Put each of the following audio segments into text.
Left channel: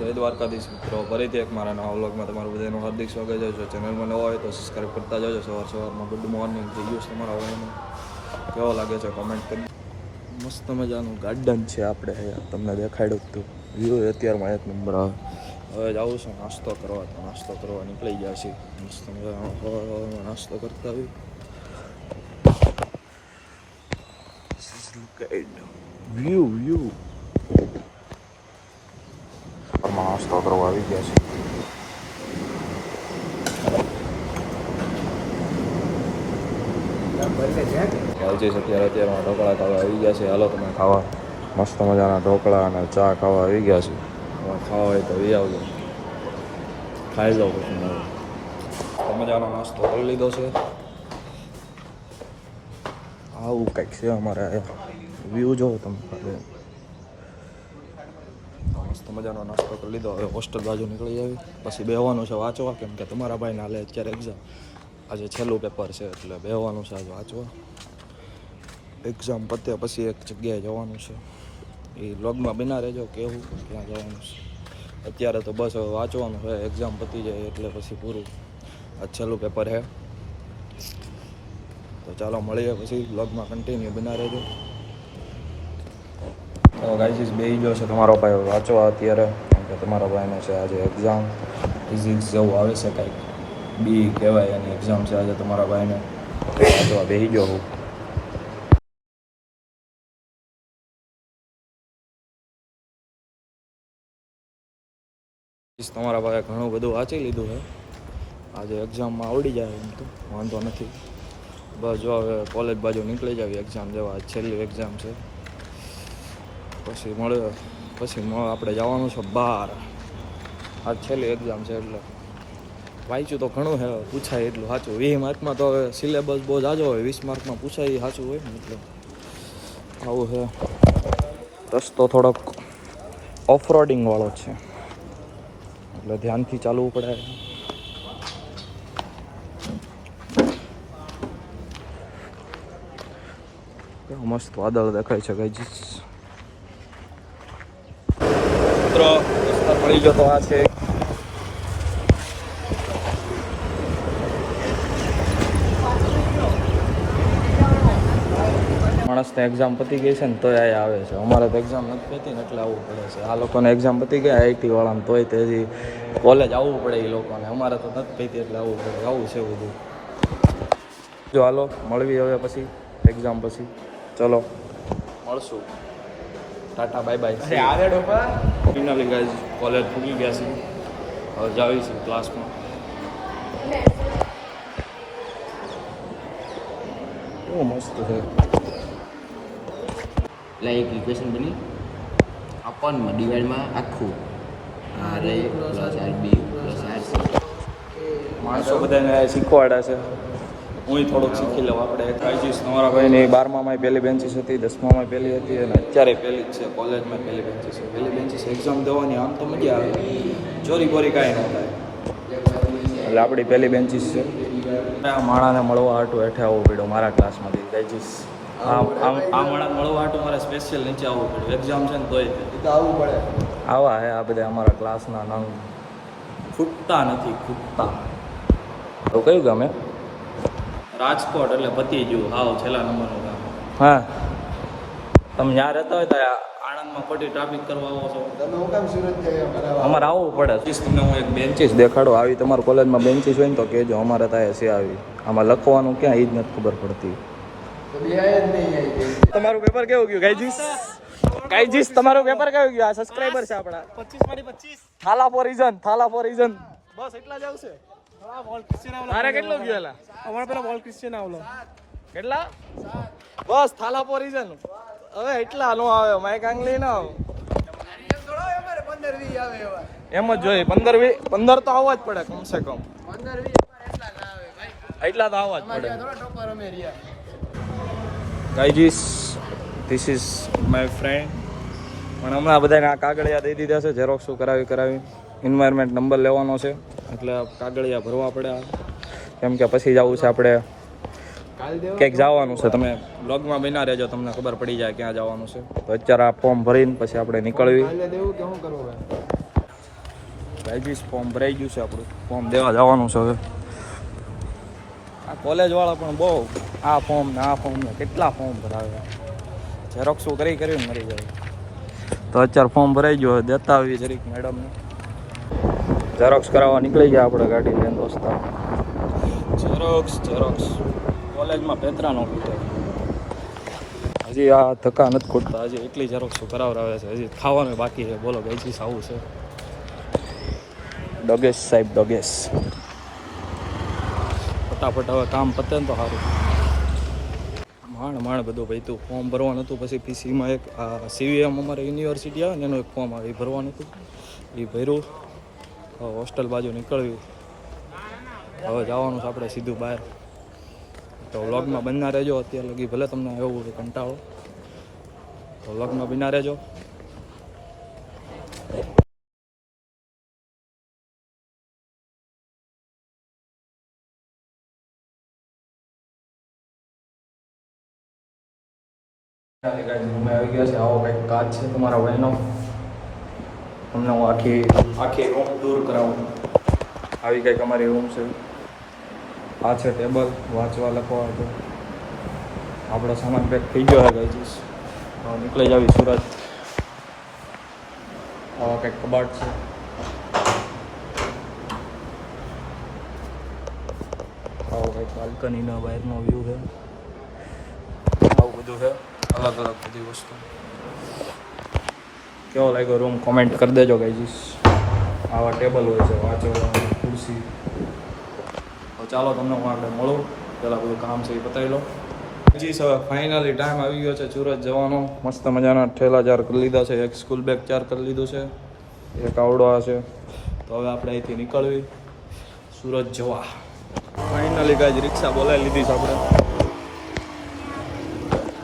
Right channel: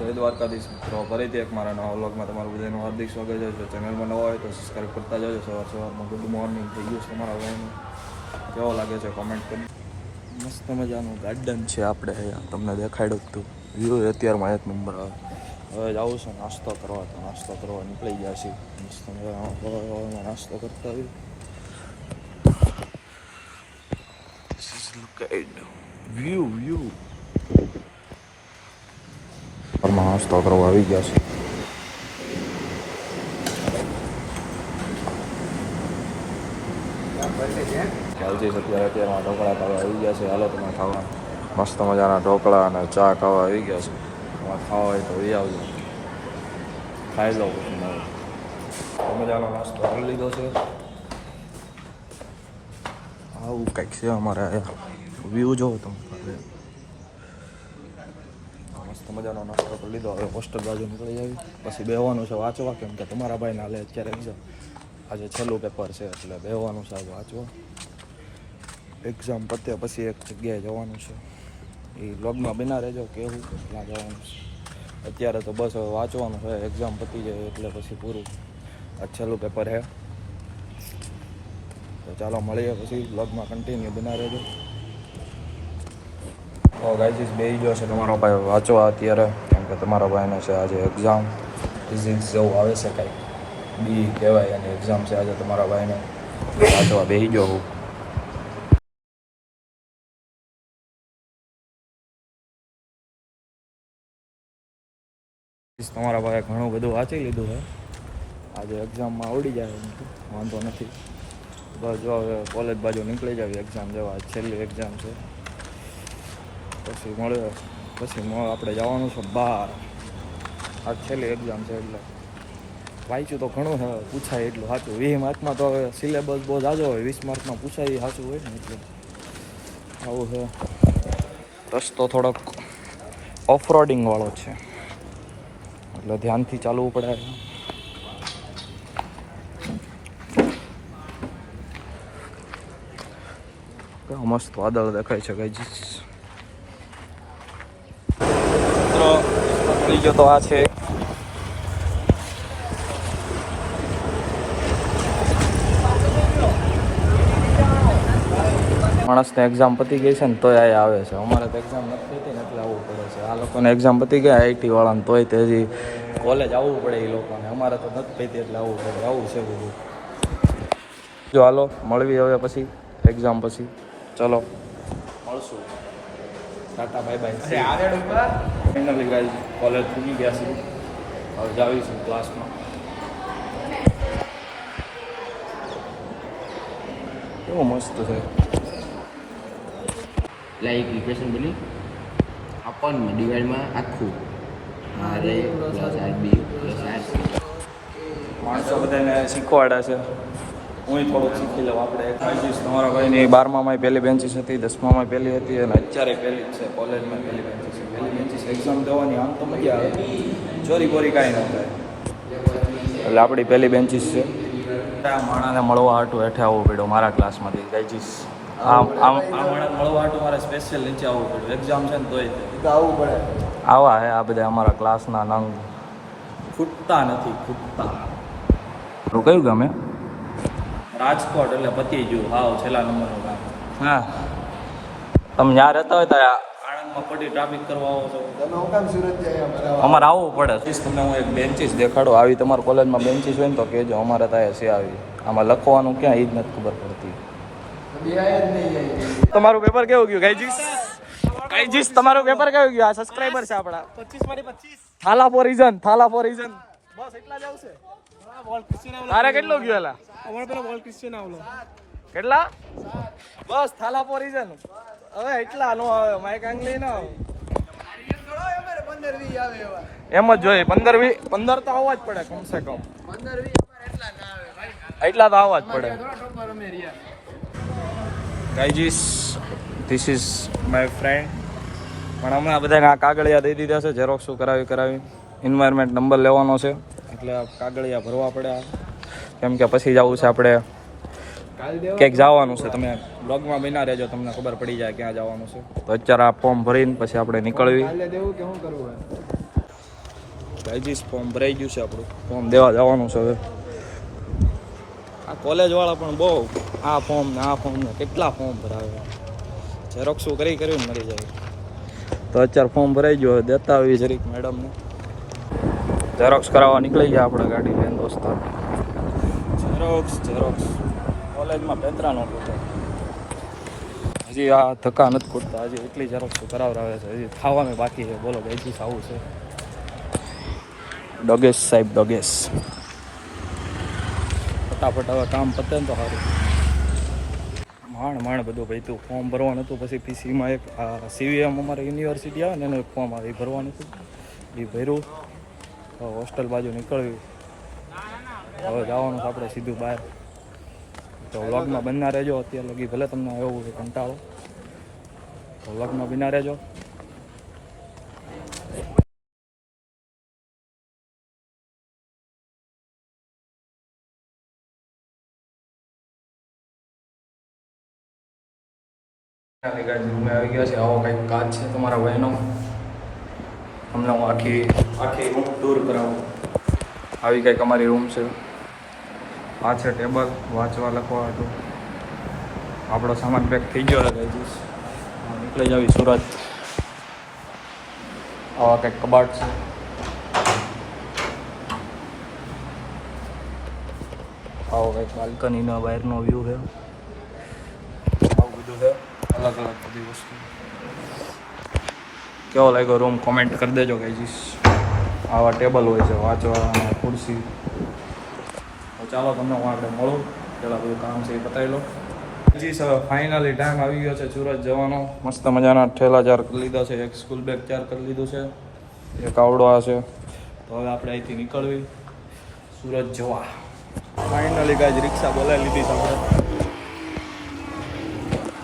જય દ્વારકાધીશ મિત્રો. ફરીથી એક મારા નવા વ્લોગમાં તમારું બધાનું હાર્દિક સ્વાગત. છે જો ચેનલમાં નવા હોય તો સબસ્ક્રાઈબ કરતા જજો. સવાર સવારમાં ગુડ મોર્નિંગ થઈ ગયું છે તમારા ભાઈનું. કેવો લાગે છે કોમેન્ટ કરી મસ્ત મજાનું ગાર્ડન છે આપણે તમને દેખાડ્યું હતું વ્યૂ અત્યારમાં એક નંબર આવે. હવે જવું છે નાસ્તો કરવા તો નાસ્તો કરવા નીકળી ગયા છીએ. મસ્ત મજાનો નાસ્તો કરતા આવી વ્યૂ at નાસ્તો કરવા આવી ગયા છે ખ્યાલ છે અત્યારે અત્યારમાં ઢોકળા ખાવા આવી ગયા છે હાલો તમે ખાવા મસ્ત મજાના ઢોકળા અને ચા ખાવા આવી ગયા છે તમારે ખાવા હોય તો એ આવજો ખાઈ લો પછી તો મજાનો નાસ્તો કરી લીધો છે આવું કંઈક છે અમારે વ્યૂ જોવો તમે મજાનો નાસ્તો કરી લીધો. હવે હોસ્ટેલ બાજુ નીકળી આવી. પછી બેહવાનું છે વાંચવા, કેમ કે તમારા ભાઈને હાલે અત્યારે એક્ઝામ આજે છેલ્લું પેપર છે, એટલે બેહવાનું છે આજે વાંચવા. એક્ઝામ પતે પછી એક જગ્યાએ જવાનું છે. એ લોગમાં બિના રહેજો, કેવું ત્યાં જવાનું છે. અત્યારે તો બસ હવે વાંચવાનું છે એક્ઝામ પતી જાય એટલે પછી પૂરું. આ છેલ્લું પેપર છે. તો ચાલો મળીએ પછી બ્લોગમાં કન્ટિન્યુ બના રહેજો. તો ગાઈઝ બે ગયો છે તમારો ભાઈ વાંચવા અત્યારે, કેમ કે તમારા ભાઈને છે આજે એક્ઝામ ફિઝિક્સ જવું આવે છે કંઈક. બી કહેવાય એની એક્ઝામ છે આજે તમારા ભાઈને. વાંચવા બે ગયો હું. તમારા ભાઈએ ઘણું બધું વાંચી લીધું છે. આજે એક્ઝામમાં આવડી જાય એમ તો, વાંધો નથી. બસ જો હવે કોલેજ બાજુ નીકળી જાવી એક્ઝામ જવા. છેલ્લી એક્ઝામ છે. પછી મળ્યો પછી આપણે જવાનું છે બહાર. આજ છેલ્લી એક્ઝામ છે એટલે. વાંચ્યું તો ઘણું છે, પૂછાય એટલું સાચું. વીસ માર્કમાં તો હવે સિલેબસ બહુ જાજો હોય, વીસ માર્કમાં પૂછાય સાચું હોય ને એટલે. આવું છે. રસ્તો થોડોક ઓફરોડિંગ વાળો છે. એટલે ધ્યાનથી ચાલવું પડે. મસ્ત વાદળ દેખાય છે કઈ મિત્રો મળી ગયો તો આ છે. માણસને એક્ઝામ પતી ગઈ છે ને તોય આ આવે છે. અમારે તો એક્ઝામ નથી પતી ને એટલે આવવું પડે છે. આ લોકોને એક્ઝામ પતી ગઈ આઈટી વાળાને તોય તે હજી કોલેજ આવવું પડે એ લોકોને. અમારે તો નથી પતી એટલે આવવું પડે. આવું છે બધું. જો હાલો, મળવી હવે પછી એક્ઝામ પછી. ચલો, મળશું. Tata bye bye finally guys college પૂગી ગયા છે. હવે જાવી છું ક્લાસમાં કેવું મસ્ત છે. એટલે એક ઇક્વેશન બની. આપણમાં ડિવાઈડમાં આખું. R A plus R B plus R C માણસો બધાને શીખવાડા છે. હું થોડુંક શીખી લઉં. આપણે કાળજીશ તમારા ભાઈની બારમામાં પહેલી બેન્ચીસ હતી દસમામાં પહેલી હતી અને અત્યારે પહેલી જ છે કોલેજમાં પહેલી બેન્ચીસ છે. પહેલી બેન્ચીસ એક્ઝામ દેવાની આમ તો મજા આવે. ચોરી બોરી કાંઈ ન થાય. એટલે આપણી પહેલી બેન્ચીસ છે. માણાને મળવા હાટું હેઠે આવવું પડ્યું મારા ક્લાસમાંથી. ગાયજીસ આમ આ આ માણસ મળવા હાટું મારે સ્પેશિયલ નીચે આવવું પડ્યું. એક્ઝામ છે ને તોય તો આવવું પડે. આવા હે આ બધા અમારા ક્લાસના નંગ ખૂટતા નથી ખૂટતા તો કયું ગામ રાજકોટ એટલે પતી ગયું હાવ છેલ્લા નંબરનું ગામ હા. તમે જ્યાં રહેતા હોય ત્યાં આણંદમાં ખોટી ટ્રાફિક કરવા આવો છો. તમે હું કામ સુરત અમારે આવવું પડે. પ્લીઝ તમને હું એક બેન્ચીસ દેખાડો. આવી તમારા કોલેજમાં બેન્ચીસ હોય ને તો કહેજો અમારે ત્યાં છે આવી. આમાં લખવાનું ક્યાં એ જ નથી ખબર પડતી. તમારું પેપર કેવું ગયું? ગાઈજીસ ગાઈજીસ તમારું પેપર કેવું ગયું? આ સબસ્ક્રાઇબર છે આપણા. પચીસમાંથી પચીસ. Thala for reason Thala for reason બસ એટલા જ આવશે. તારે કેટલું ગયું એલા? અમારે પેલા બોલ ક્રિશ્ચિયન આવલો. કેટલા? બસ થાલા પોરી છે હવે એટલા નો આવે માઇક આંગલી ના આવે. એમ જ જોઈએ પંદર વી પંદર તો આવવા જ પડે કમસે કમ. એટલા તો આવવા જ પડે. Guys this is my friend પણ હમણાં બધાને આ કાગળિયા દઈ દીધા છે ઝેરોક્ષું કરાવી કરાવી. એન્વાયરમેન્ટ નંબર લેવાનો છે. એટલે કાગળિયા ભરવા પડ્યા. કેમ કે પછી જવું છે આપણે. ક્યાંક જવાનું છે. તમે બ્લોગમાં બના રહેજો, તમને ખબર પડી જાય ક્યાં જવાનું છે. તો અત્યારે આ ફોર્મ ભરીને પછી આપણે નીકળવી. ગાઈજીસ ફોર્મ ભરાઈ ગયું છે આપણું. ફોર્મ દેવા જવાનું છે હવે. આ કોલેજવાળા પણ બહુ આ ફોર્મ ને આ ફોર્મ ને કેટલા ફોર્મ ભરાવે. ઝેરોક્ષું કરી કરીને મરી જાય. તો અત્યારે ફોર્મ ભરાઈ ગયું દેતા આવી જરીક મેડમને ઝેરોક્સ કરાવવા નીકળી ગયા આપણે ગાડી લઈને દોસ્તા ઝેરોક્સ ઝેરોક્સ કોલેજમાં પેતરા નો ખૂટે હજી આ ધક્કા નથી ખૂટતા હજી એટલી ઝેરોક્સ કરાવરાવે છે. હજી ખાવાનું બાકી છે. બોલો ગઈથી આવું છે. ડોગેશ સાહેબ ડોગેશ. ફટાફટ હવે કામ પતે ને તો સારું. માણ માણ બધું ભાઈ તું ફોર્મ ભરવાનું હતું પછી પીસીમાં એક આ સીવીએમ અમારે યુનિવર્સિટી આવે ને એનું એક ફોર્મ આવે એ ભરવાનું હતું. એ ભર્યું. હોસ્ટેલ બાજુ નીકળવી હવે જવાનું આપણે સીધું બહાર. તો વ્લોગમાં બનના રહેજો અત્યારે લગી, ભલે તમને એવું હોય કંટાળો. તો વ્લોગમાં બિના રહેજો. રૂમે આવી ગયા છે. આવો કંઈક કાચ છે તમારા બહેનો તમને હું આખી આખી રૂમ દૂર કરાવું. આવી કંઈક અમારી રૂમ છે. આ છે ટેબલ વાંચવા લખવા હતું. આપણો સામાન પેક થઈ ગયો છે ગાઈજીસ હવે નીકળી જાવી સુરત. આવા કંઈક કબાટ છે. આવો કંઈક બાલ્કનીનો બહારનો વ્યૂ છે. આવું બધું છે. અલગ અલગ બધી વસ્તુ. કેવો લાગ્યો રૂમ કોમેન્ટ કરી દેજો ગાઈજીસ આવા ટેબલ હોય છે વાંચવા ખુરશી. તો ચાલો તમને હું આગળ મળું. પહેલાં બધું કામ છે એ બતાવી લો જી સર ફાઇનલી ટાઈમ આવી ગયો છે સુરત જવાનો. મસ્ત મજાના ઠેલા ચાર કરી લીધા છે. એક સ્કૂલ બેગ ચાર કરી લીધું છે. એક આવડો આ છે. તો હવે આપણે અહીંથી નીકળવી. સુરત જવા. ફાઇનલી ગાય રિક્ષા બોલાવી લીધી છે આપણે.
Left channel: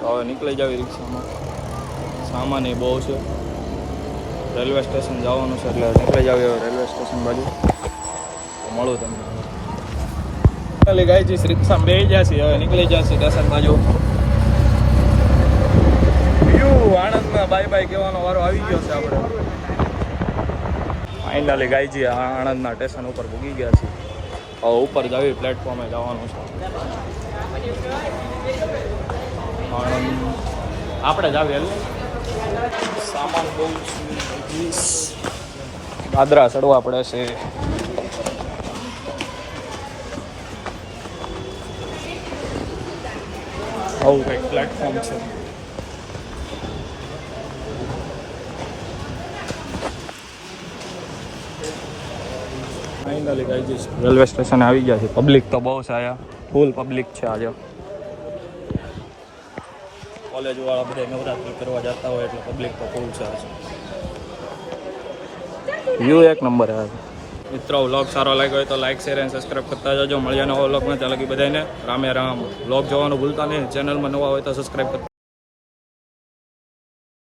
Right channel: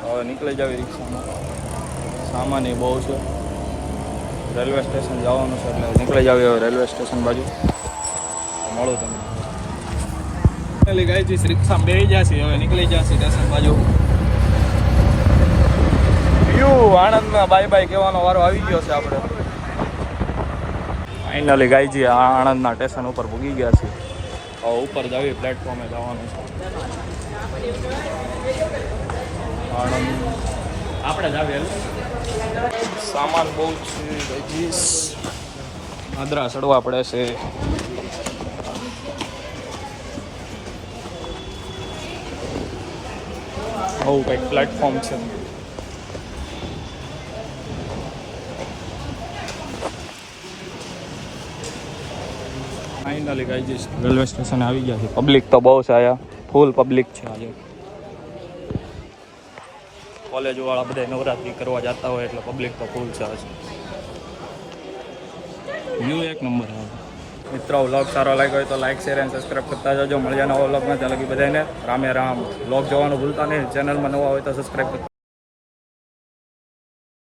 હવે નીકળી જાવી રિક્ષામાં. સામાન એ બહુ છે. રેલવે સ્ટેશન જવાનું છે એટલે નીકળી જાવ રેલવે સ્ટેશન બાજુ. મળું તમને. ફાઇનલી ગાય જઈશ રિક્ષા બે જશે હવે નીકળી જશે સ્ટેશન બાજુ. વ્યૂ આણંદમાં બાય બાય કહેવાનો વારો આવી ગયો છે આપણે. ફાઇનલી ગાયજી આણંદના સ્ટેશન ઉપર પૂગી ગયા છે. હવે ઉપર ગાવી પ્લેટફોર્મે જવાનું છે. આણંદ. આપણે જ આવીએ સામાન બહુ છે દાદરા ચડવા પડે છે. આવું કંઈક પ્લેટફોર્મ છે. ફાઇનલી જઈશ રેલવે સ્ટેશન આવી ગયા છે. પબ્લિક તો બહુ છે અહીંયા. ફૂલ પબ્લિક છે આજે. કોલેજ વાળા બધા નવરાત્રી કરવા જતા હોય એટલે પબ્લિક તો ફૂલ છે વ્યૂ એક નંબર આવે. મિત્રો વ્લોગ સારો લાગ્યો હોય તો લાઈક શેર એન્ડ સબસ્ક્રાઈબ કરતા જજો. મળ્યા નવા વ્લોગમાં ત્યાં લગી બધાને રામે રામ. વ્લોગ જોવાનું ભૂલતા નહીં. ચેનલમાં નવા હોય તો સબસ્ક્રાઈબ કરતા